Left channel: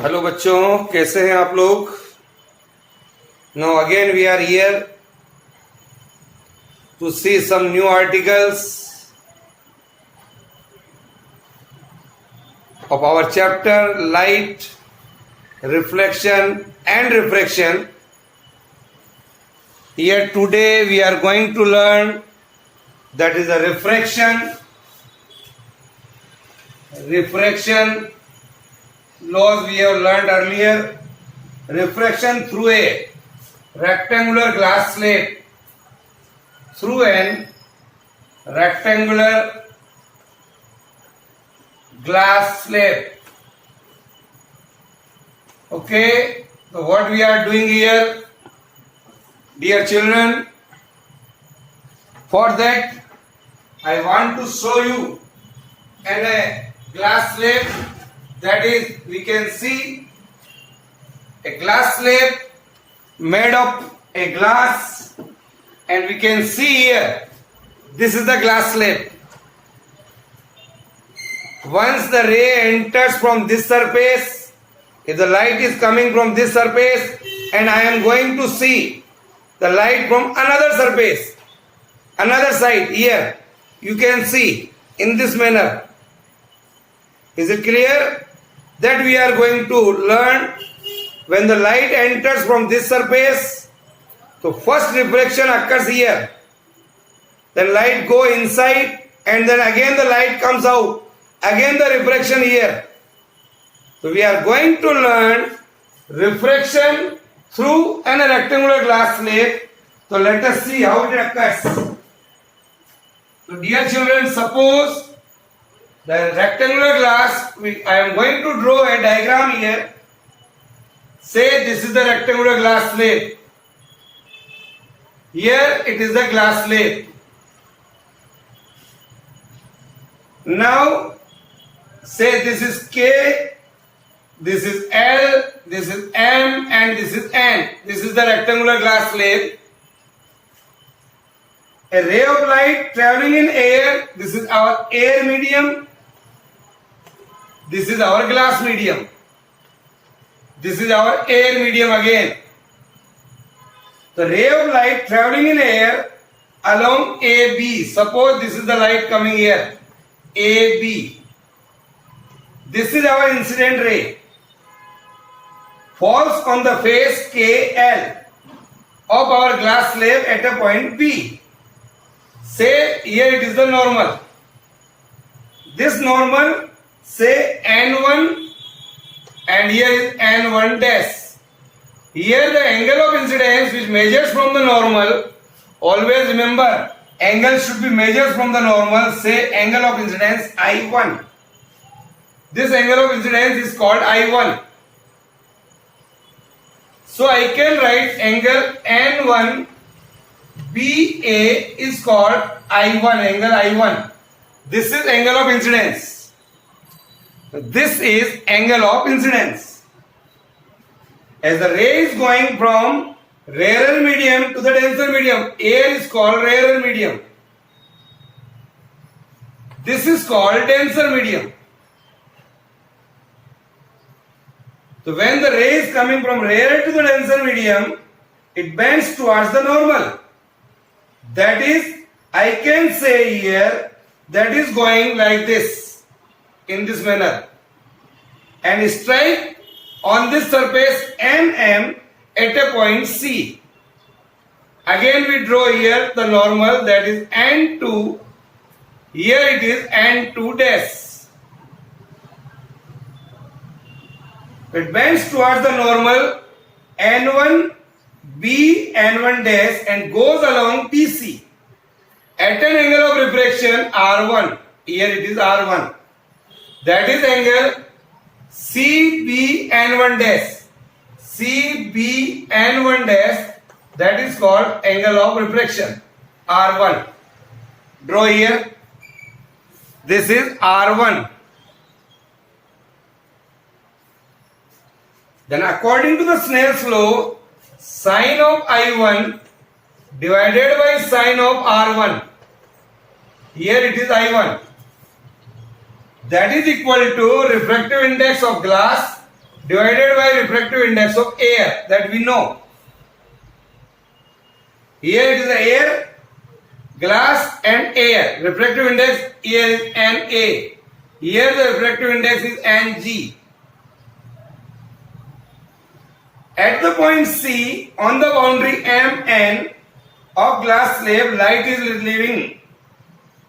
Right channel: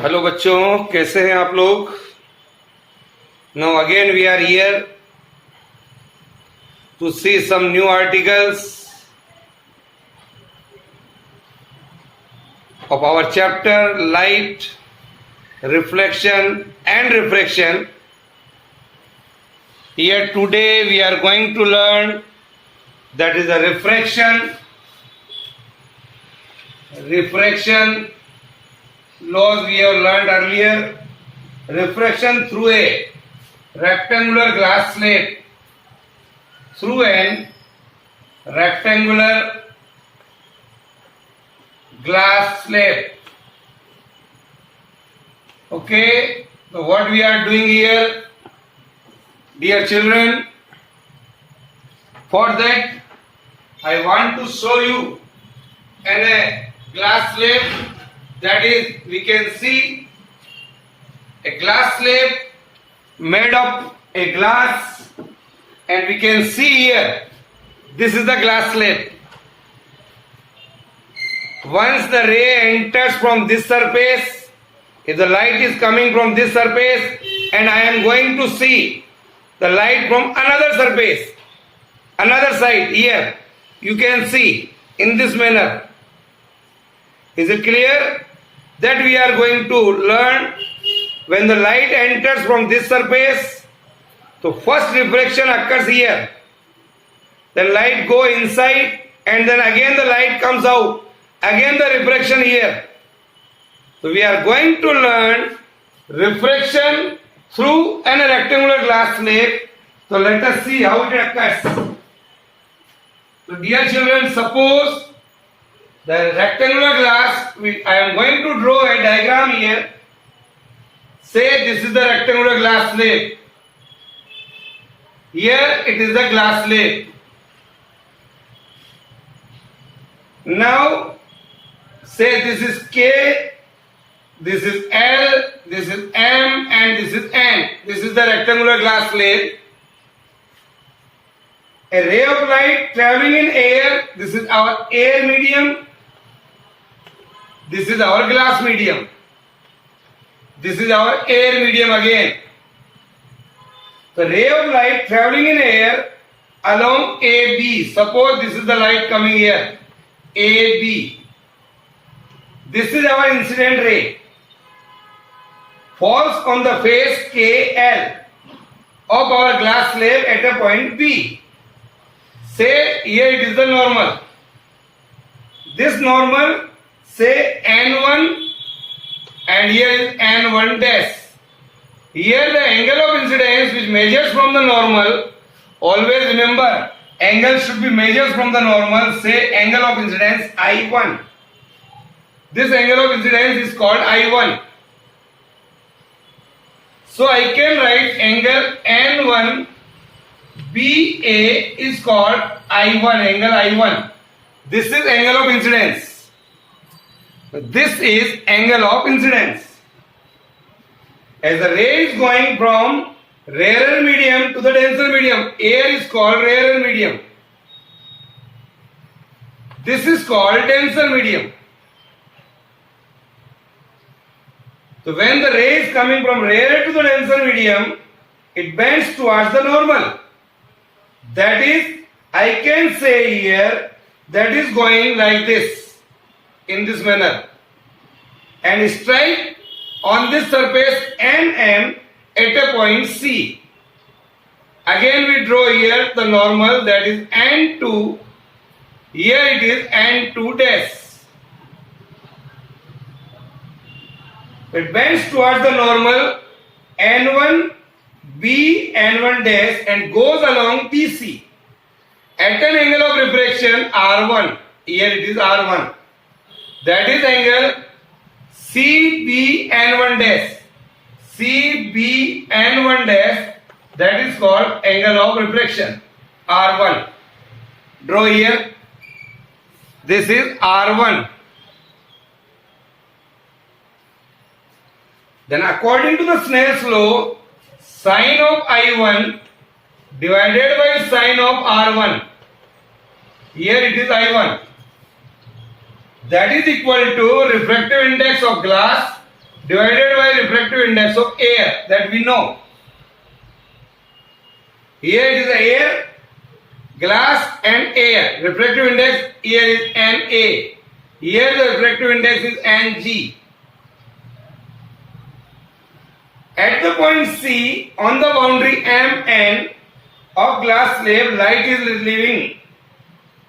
Hello बच्चों, कैसे हैं आप लोग। Now again we are here to see some new articles of our chapter light, reflection and refraction. Here today we are going to learn that is a refraction laws we have learned earlier. Refraction through a rectangular glass slate, through an rectangular glass slab. Okay, so what we are doing here, dear children, for that I want to show you in a glass slab, that is we can see a glass slab made of a glass, and we can see here this is the glass slab. Once the ray enters from this surface, if the light is coming from this surface and I am going to see the light from another surface, another side, here you can see in this manner. Is it clear? That we are going to learn when the light enters from this surface, so first reflection occurs here, then light go inside and then again the light comes out. Again the refraction here. So we are going to learn refraction through a rectangular glass slate. So let us see how it occurs. So dear children, suppose the rectangular glass, I am going to draw a diagram here. Say this is the rectangular glass slate. Here it is the glass slate. Now say this is K, this is L, this is M and this is N. This is the rectangular glass slate. A ray of light traveling in air, this is our air medium, this is our glass medium, this is our air medium again. The ray of light traveling in air along AB, suppose this is the light coming here, AB. This is our incident ray. Falls on the face KL of our glass slab at a point B. Say here it is the normal. This normal, say N1 and here is N1 dash. Here the angle of incidence which measures from the normal, always remember angle should be measured from the normal, say angle of incidence I1. This angle of incidence is called I1. So I can write angle N1 BA is called I1, angle I1. This is angle of incidence. This is angle of incidence. As the ray is going from rarer medium to the denser medium, air is called rarer medium. This is called denser medium. So when the ray is coming from rarer to the denser medium, it bends towards the normal. That is, I can say here, that is going like this, in this manner, and strike on this surface NM at a point C. Again we draw here the normal, that is N2, here it is N2 dash. It bends towards the normal N1 B N1 dash and goes along PC at an angle of refraction R1. Here it is R1. That is angle CBN1 dash. CBN1 dash, that is called angle of refraction R1. Draw here. This is R1. Then according to the Snell's law, sine of I1 divided by sine of R1. Here it is I1. That is equal to refractive index of glass divided by refractive index of air, that we know. Here it is the air, glass and air. Refractive index here is Na. Here the refractive index is Ng. At the point C, on the boundary Mn of glass slab, light is leaving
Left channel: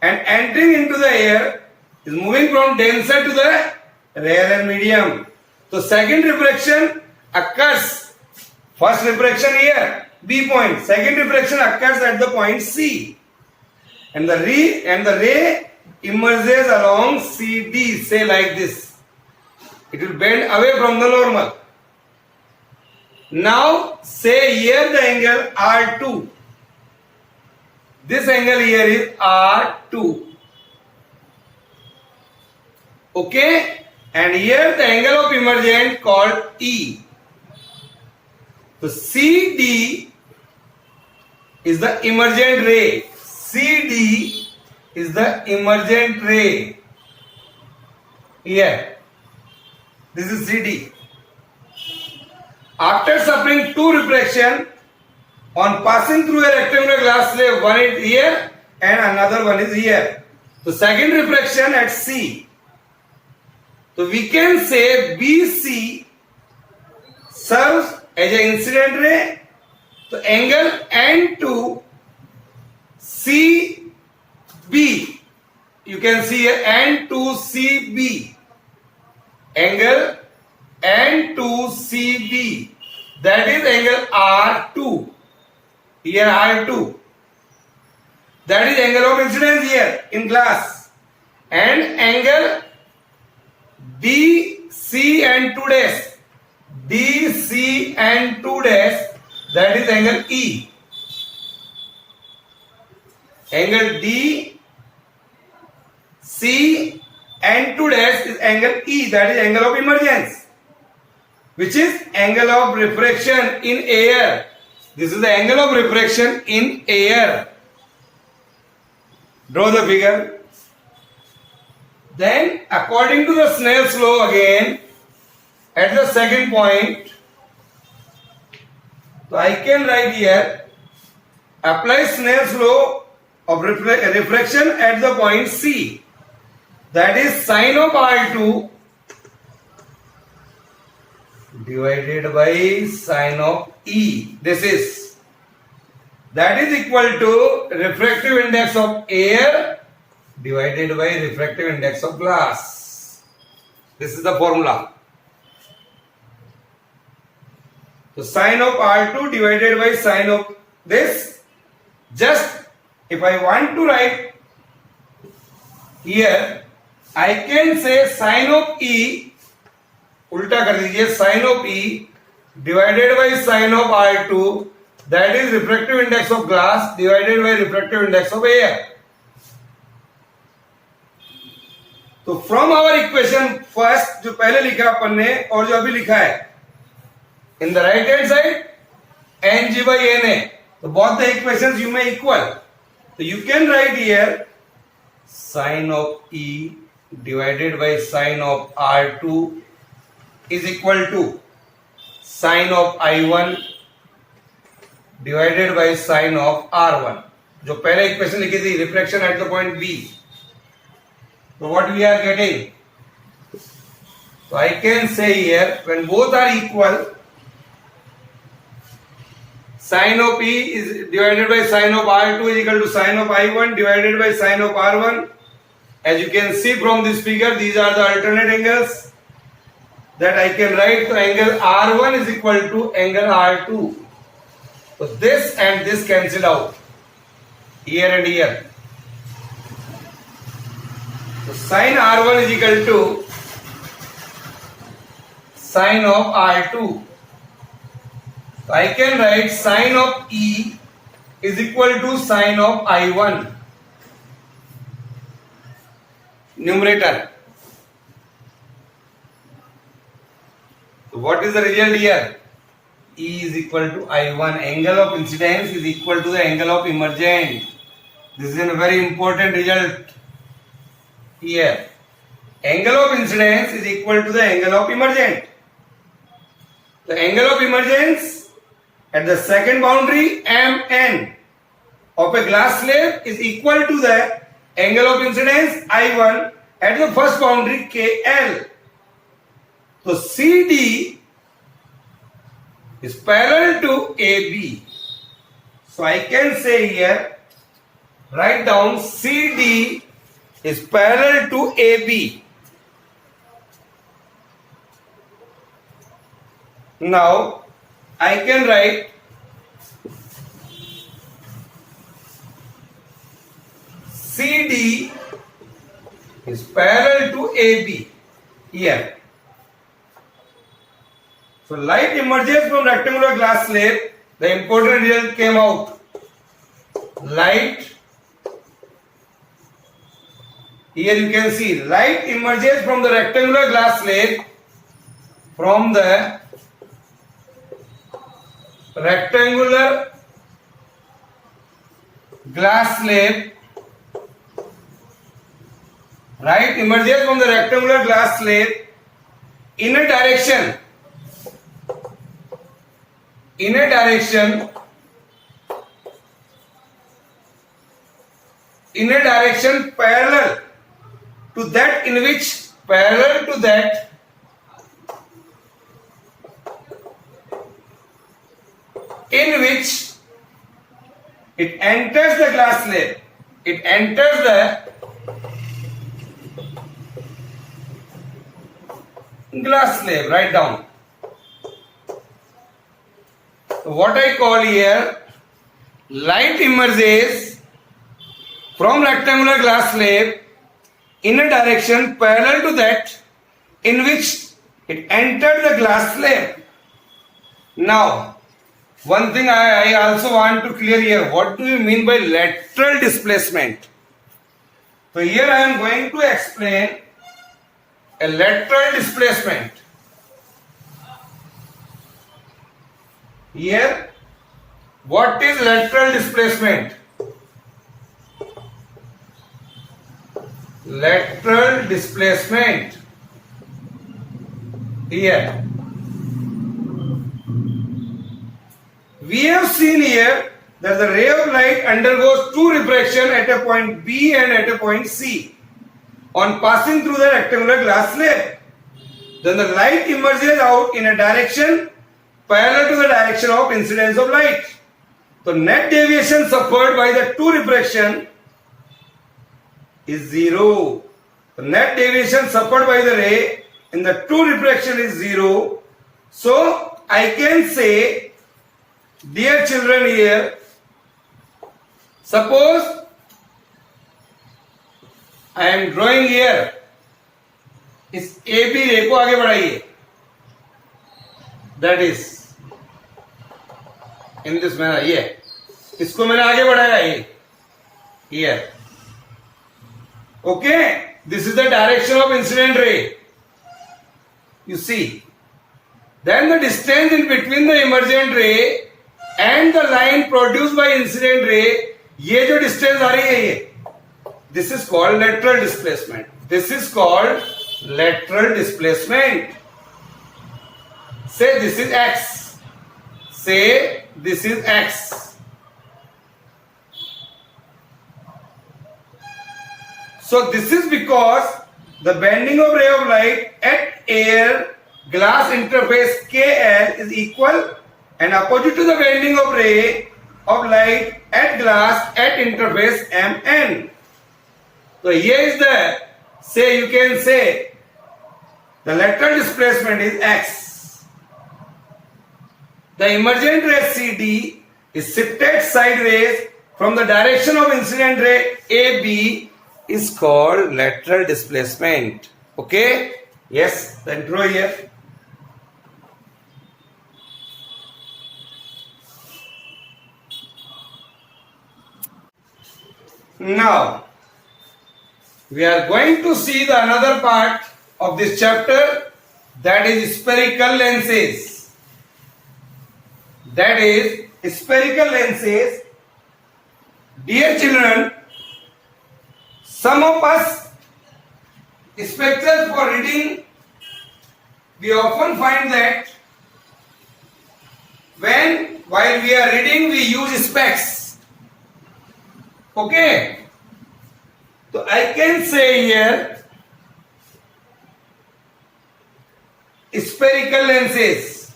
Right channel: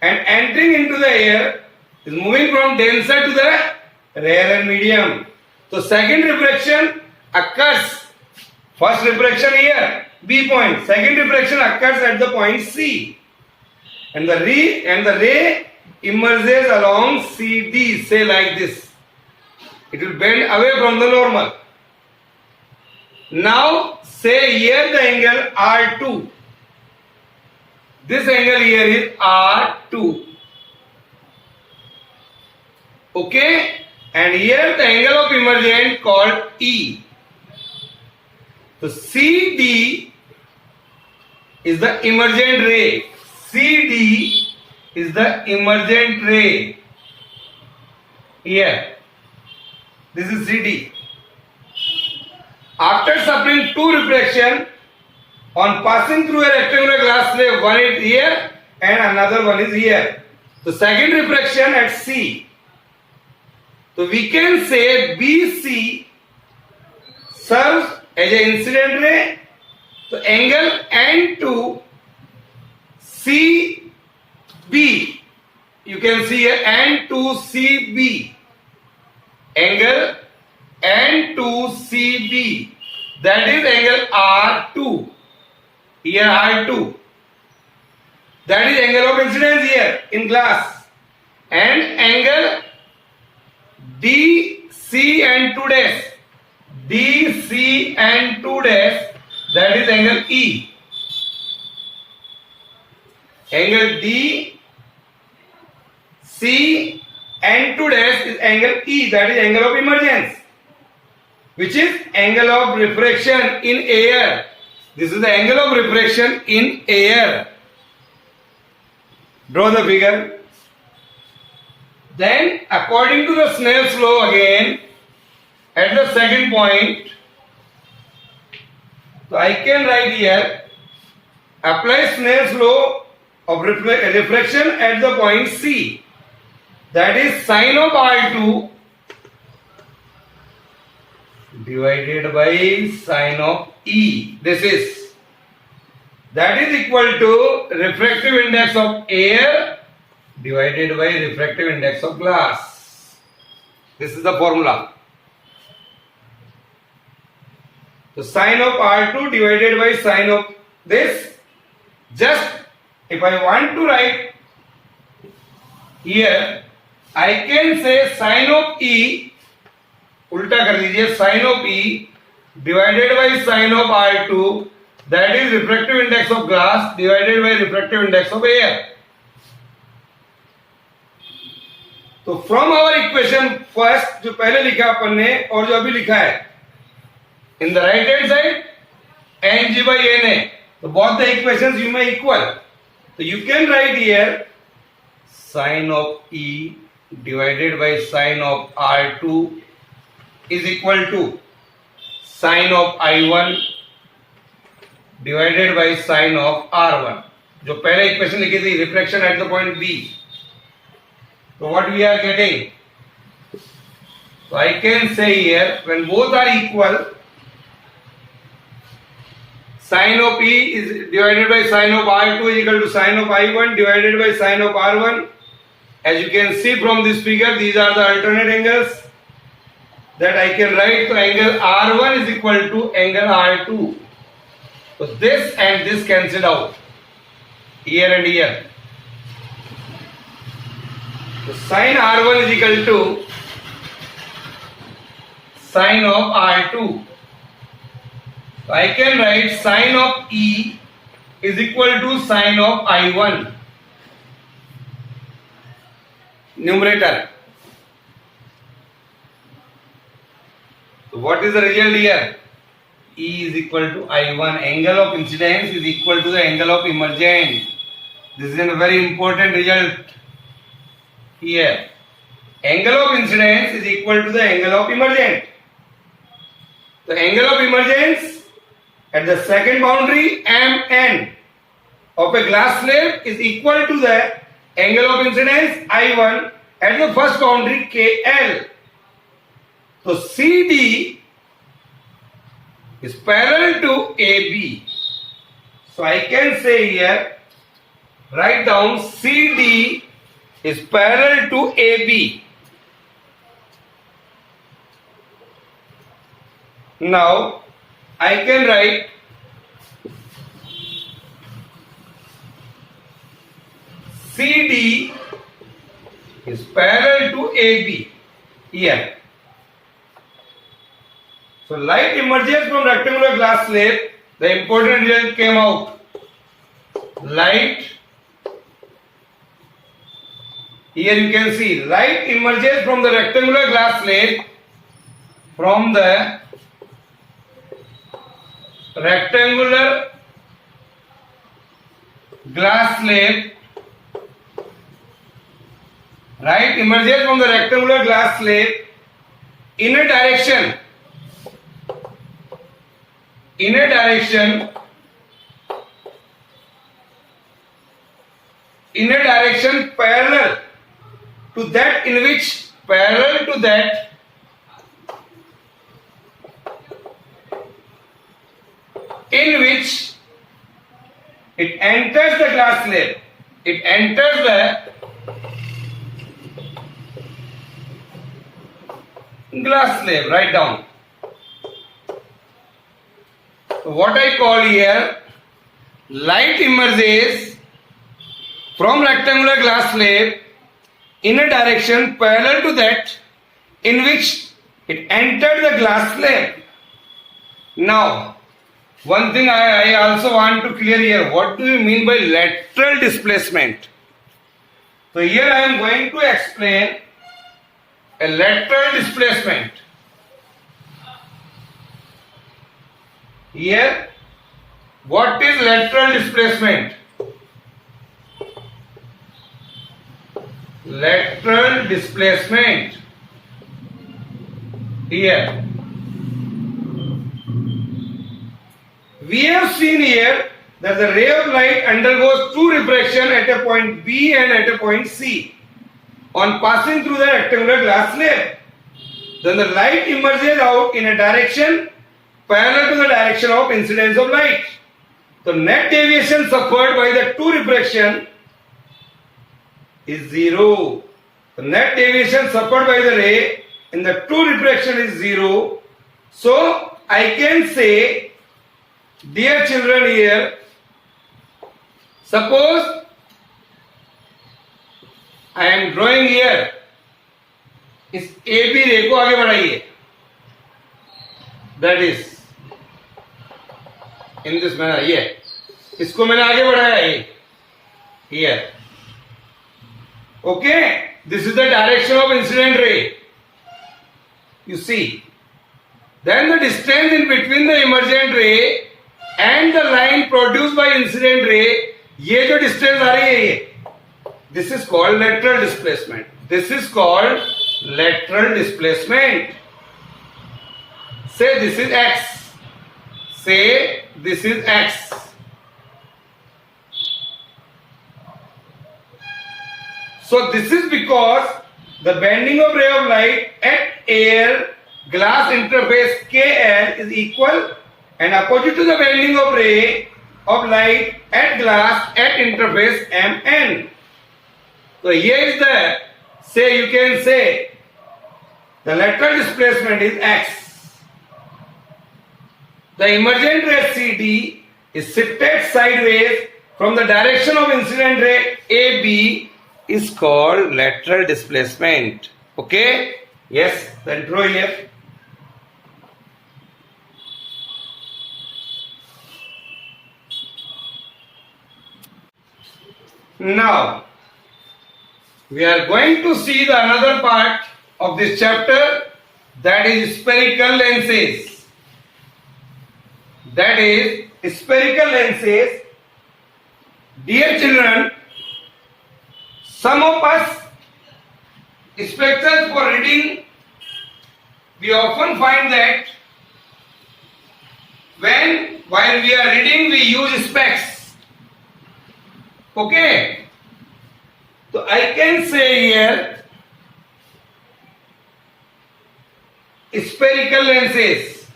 and entering into the air, is moving from denser to the rarer medium. So second refraction occurs. First refraction here, B point. Second refraction occurs at the point C, and the ray emerges along CD. Say like this. It will bend away from the normal. Now say here the angle R2. This angle here is R2. Okay? And here the angle of emergent called E. So CD is the emergent ray. CD is the emergent ray. Here. This is CD. After suffering two refraction, on passing through a rectangular glass slab, one is here and another one is here. So second refraction at C. So we can say BC serves as an incident ray. So angle N2 CB. You can see here N2 CB. Angle N2 CB. That is angle R2. Here R2. That is angle of incidence here in glass. And angle DC and 2 dash. DC and 2 dash. That is angle E. Angle D, C and 2 dash is angle E. That is angle of emergence, which is angle of refraction in air. This is the angle of refraction in air. Draw the figure. Then according to the Snell's law again, at the second point, so I can write here, apply Snell's law of refraction at the point C. That is sine of R2 divided by sine of E. That is equal to refractive index of air divided by refractive index of glass. This is the formula. So sine of R2 divided by sine of this. Just if I want to write here, I can say sine of E, उल्टा कर दीजिए, sine of E divided by sine of R2, that is refractive index of glass divided by refractive index of air. तो from our equation first जो पहले लिखा अपन ने और जो अभी लिखा है, in the right hand side Ng by Na, so both the equations you may equal. So you can write here sine of E divided by sine of R2 is equal to sine of I1 divided by sine of R1. जो पहले equation लिखी थी, reflection at the point B. So what we are getting? So I can say here, when both are equal, sine of E is divided by sine of R2 is equal to sine of I1 divided by sine of R1. As you can see from this figure, these are the alternate angles that I can write. So angle R1 is equal to angle R2. So this and this cancel out here and here. So sine R1 is equal to sine of R2. So I can write sine of E is equal to sine of I1. Numerator. So what is the result here? E is equal to I1. Angle of incidence is equal to the angle of emergent. This is a very important result here. Angle of incidence is equal to the angle of emergent. The angle of emergence at the second boundary MN of a glass slab is equal to the angle of incidence I1 at the first boundary KL. So CD is parallel to AB. So I can say here, write down CD is parallel to AB. Now I can write CD is parallel to AB here. So light emerges from rectangular glass slab. The important result came out. Light, here you can see light emerges from the rectangular glass slab, from the rectangular glass slab. Light emerges from the rectangular glass slab in a direction parallel to that in which it enters the glass slab. It enters the glass slab. Write down. So what I call here, light emerges from rectangular glass slab in a direction parallel to that in which it entered the glass slab. Now, one thing I also want to clear here. What do you mean by lateral displacement? So here I am going to explain a lateral displacement. Here, what is lateral displacement? Lateral displacement. Here, we have seen here that the ray of light undergoes two refraction at a point B and at a point C on passing through the rectangular glass slab. Then the light emerges out in a direction parallel to the direction of incidence of light. The net deviation suffered by the two refraction is 0. The net deviation suffered by the ray in the two refraction is 0. So I can say, dear children, here, suppose I am drawing here, इस AB रे को आगे बढ़ाइए. That is in this manner. ये इसको मैंने आगे बढ़ाया ये here. Okay, this is the direction of incident ray. You see. Then the distance in between the emergent ray and the line produced by incident ray, ये जो distance आ रही है ये, this is called lateral displacement. This is called lateral displacement. Say this is x. Say this is x. So this is because the bending of ray of light at air glass interface KL is equal and opposite to the bending of ray of light at glass at interface MN. So here is the, say you can say the lateral displacement is x. The emergent ray CD is shifted sideways from the direction of incident ray AB is called lateral displacement. Okay? Yes, then draw here. Now, we are going to see the another part of this chapter, that is spherical lenses. That is spherical lenses. Dear children, some of us inspectors for reading, we often find that while we are reading we use specs. Okay. So I can say here spherical lenses.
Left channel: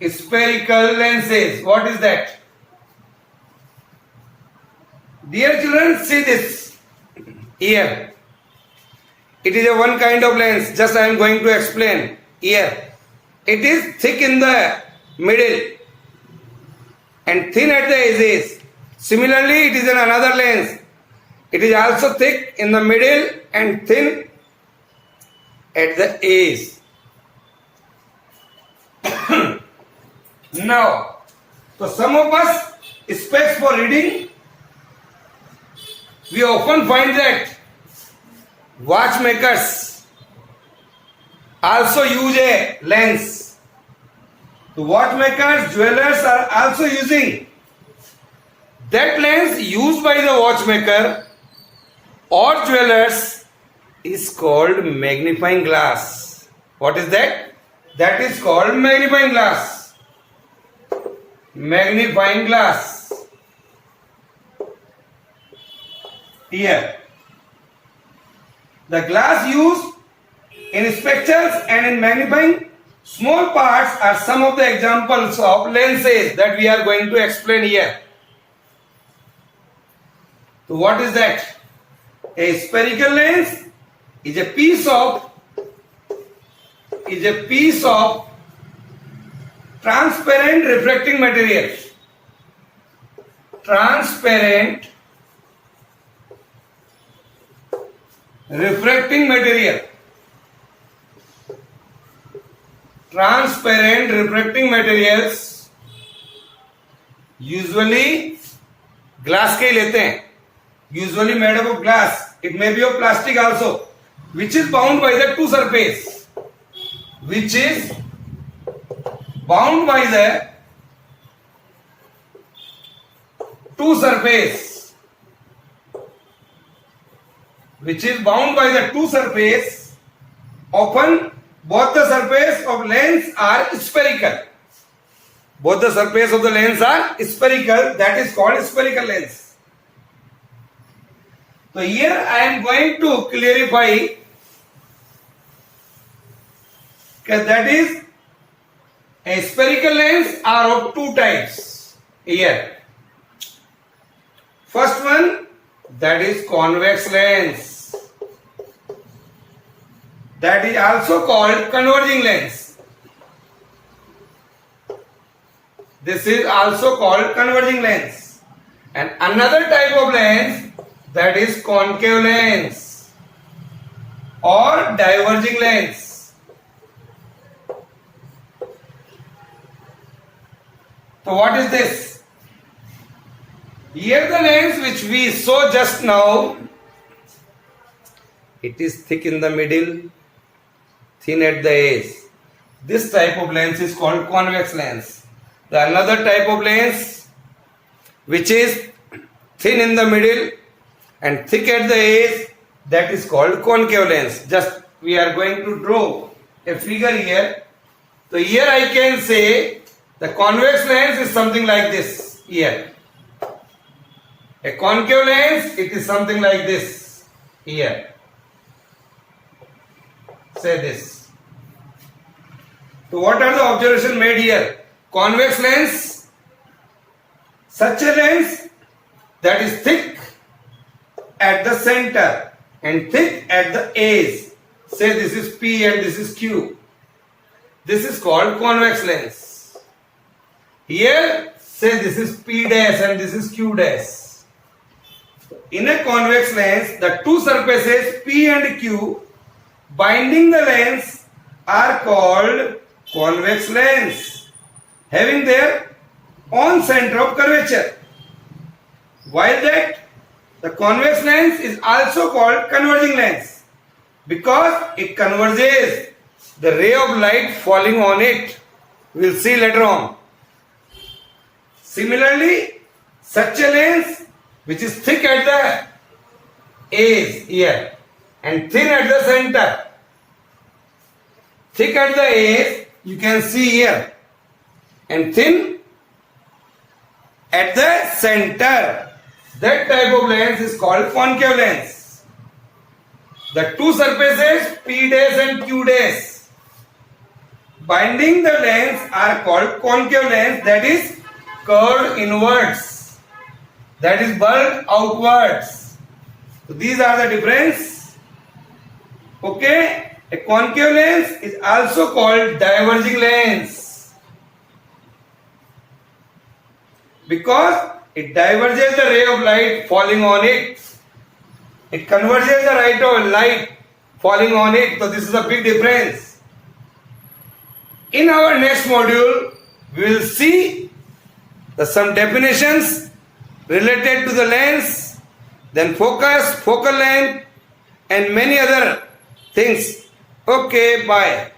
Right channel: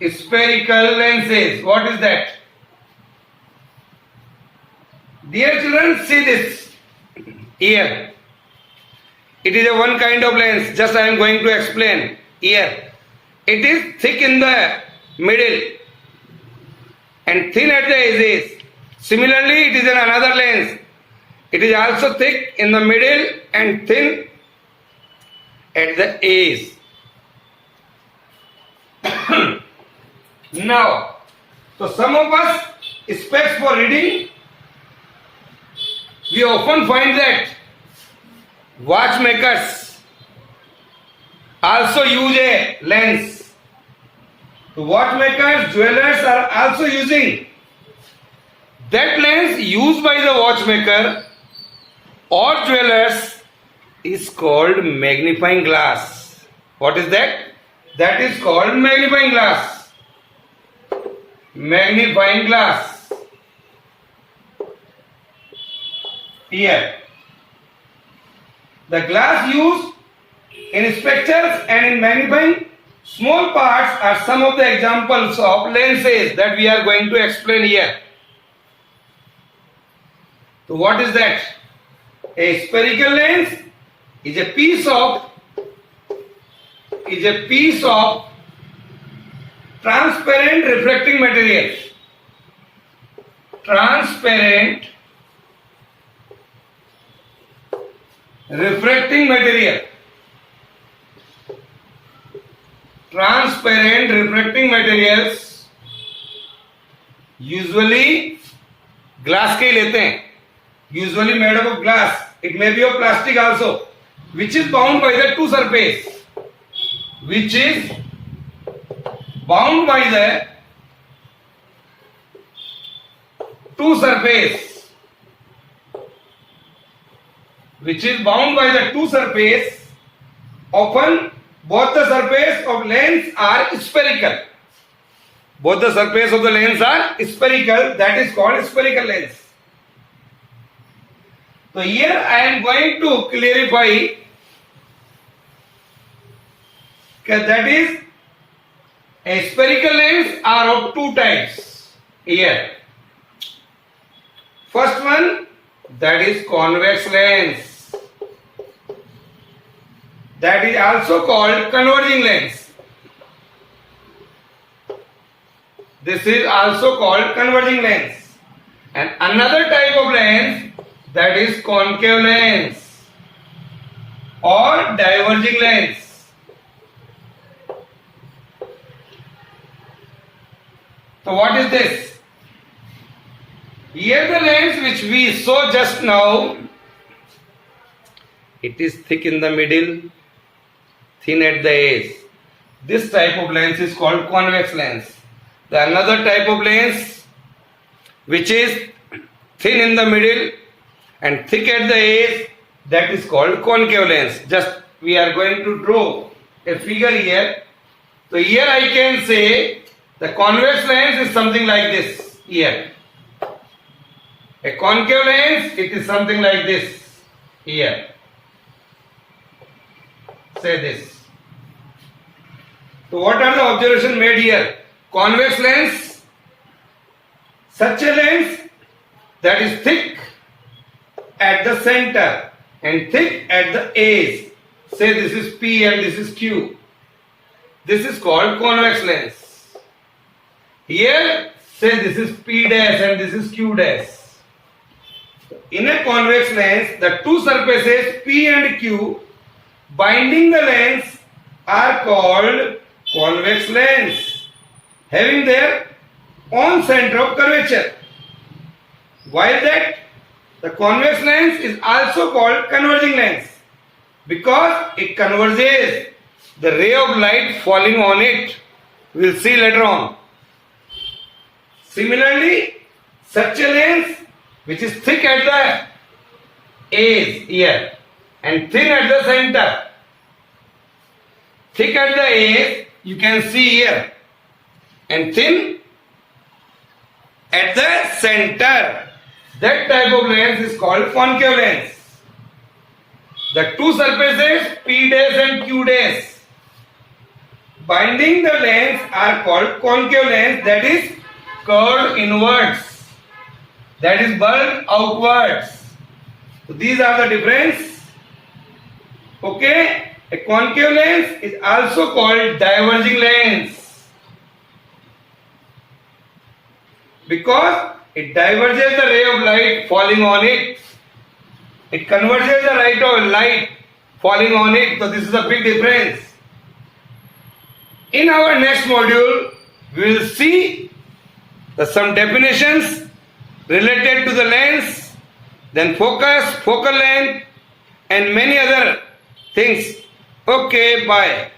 Spherical lenses. What is that? Dear children, see this here. It is a one kind of lens. Just I am going to explain here. It is thick in the middle and thin at the edges. Similarly, it is in another lens. It is also thick in the middle and thin at the edge. Now, so some of us specs for reading, we often find that watchmakers also use a lens. The watchmakers, jewelers are also using that lens used by the watchmaker or jewelers is called magnifying glass. What is that? That is called magnifying glass. Magnifying glass. Here. The glass used in spectacles and in magnifying small parts are some of the examples of lenses that we are going to explain here. So what is that? A spherical lens is a piece of transparent reflecting material. Transparent refracting material. Transparent refracting materials usually glass के ही लेते हैं. Usually made up of glass. It may be of plastic also, which is bound by the two surface. Which is bound by the two surface. Which is bound by the two surface. Often both the surface of lens are spherical. Both the surface of the lens are spherical. That is called spherical lens. So here I am going to clarify that is a spherical lens are of two types here. First one, that is convex lens. That is also called converging lens. This is also called converging lens. And another type of lens, that is concave lens or diverging lens. So what is this? Here the lens which we saw just now, it is thick in the middle, thin at the edge. This type of lens is called convex lens. The another type of lens which is thin in the middle and thick at the edge, that is called concave lens. Just we are going to draw a figure here. So here I can say the convex lens is something like this here. A concave lens, it is something like this here. Say this. So what are the observations made here? Convex lens, such a lens that is thick at the center and thick at the edge. Say this is P and this is Q. This is called convex lens. Here, say this is P dash and this is Q dash. In a convex lens, the two surfaces P and Q binding the lens are called convex lens, having their own center of curvature. While that the convex lens is also called converging lens because it converges the ray of light falling on it. We will see later on. Similarly, such a lens which is thick at the edge here and thin at the center. Thick at the edge, you can see here and thin at the center. That type of lens is called concave lens. The two surfaces P dash and Q dash binding the lens are called concave lens, that is curved inwards, that is bulged outwards. So these are the difference. Okay, a concave lens is also called diverging lens because it diverges the ray of light falling on it. It converges the ray of light falling on it. So this is a big difference. In our next module, we will see some definitions related to the lens, then focus, focal length, and many other things. Okay, bye.